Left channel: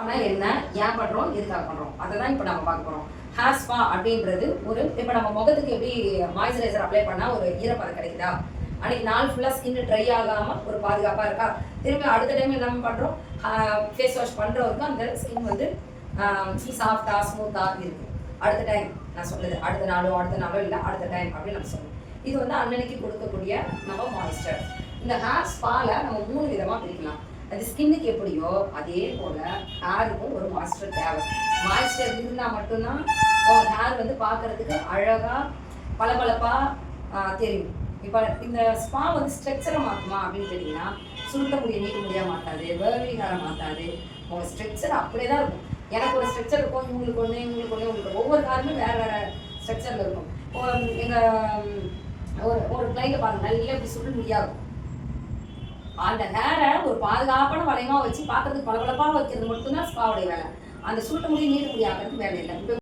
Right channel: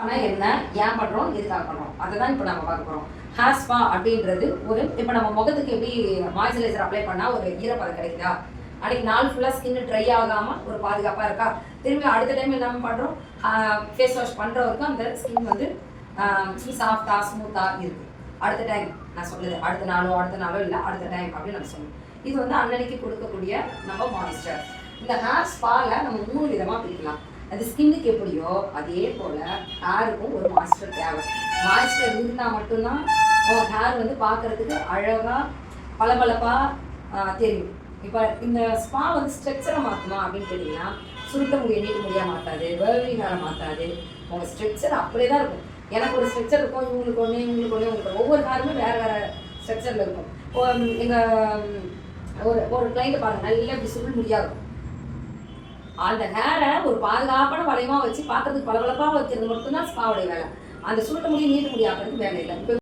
ஆனால் என்ன? ஏன் பண்ணுறோம் எதுக்காக பண்ணுறோம் அதை தான் இப்போ நம்ம பார்க்க போகிறோம் ஹேர் ஸ்பா அப்படின்றது ஒரு இப்போ நம்ம முகத்துக்கு எப்படி மாய்ஸ்சரைசர் அப்ளை பண்ணால் ஒரு ஈரப்பதம் கிடைக்குதா? அன்னைக்கு நாள் ஃபுல்லாக ஸ்கின் ட்ரை ஆகாமல் ஒரு பாதுகாப்பாக இருக்கா? திரும்பி அடுத்த டைம் என்ன பண்ணுறோம் ஃபேஸ் வாஷ் பண்ணுறவருக்கு அந்த ஸ்கின் வந்து சாஃப்டாக ஸ்மூத்தாக இருக்குது அடுத்த டைம் நான் சொல்லுது அடுத்த நாளோ அடுத்த நாளோ இல்லை அடுத்த டைம் அப்படின்னு நம்ம சொல்லணும் இது வந்து அன்னன்னைக்கு கொடுக்கக்கூடிய நம்ம மாய்ஸ்டர் இந்த ஹேர் ஸ்பாவில் நம்ம மூணு விதமாக பிரிக்கலாம். அது ஸ்கின்னுக்கு எப்படியோ அதே போல் ஹேருக்கும் ஒரு மாஸ்டர் தேவை. மாஸ்டர் இருந்தால் மட்டும்தான் உங்கள் ஹேர் வந்து பார்க்கறதுக்கு அழகாக பளபளப்பாக தெரியும். இப்போ இந்த ஸ்பா வந்து ஸ்ட்ரக்சரை மாற்றுமா அப்படின்னு கேட்டிங்கன்னா சுருட்ட முடிய நீக்க முடிய மாட்டாது வேர்வி ஹேரை மாட்டாது உங்கள் ஸ்ட்ரக்சர் அப்படியே தான் இருக்கும். எனக்கு ஒரு ஸ்ட்ரக்சர் இருக்கும் இவங்களுக்கு ஒன்று இவங்களுக்கு ஒன்று உங்களுக்கு ஒவ்வொரு ஹேருமே வேறு வேறு ஸ்ட்ரக்சரில் இருக்கும். எங்கள் ஒரு ஒரு கிளைண்ட்டை பாருங்கள் நல்லா இப்படி சுருள் முடியாக இருக்கும். அந்த ஹேரை ஒரு பாதுகாப்பான வளையமாக வச்சு பார்க்கறதுக்கு பளபளப்பாக வைக்கிறது மட்டும்தான் ஸ்பாவுடைய வேலை. அந்த சுருட்ட முடியும் நீட்ட முடியாக்கிறது வேலை இல்லை. இப்போ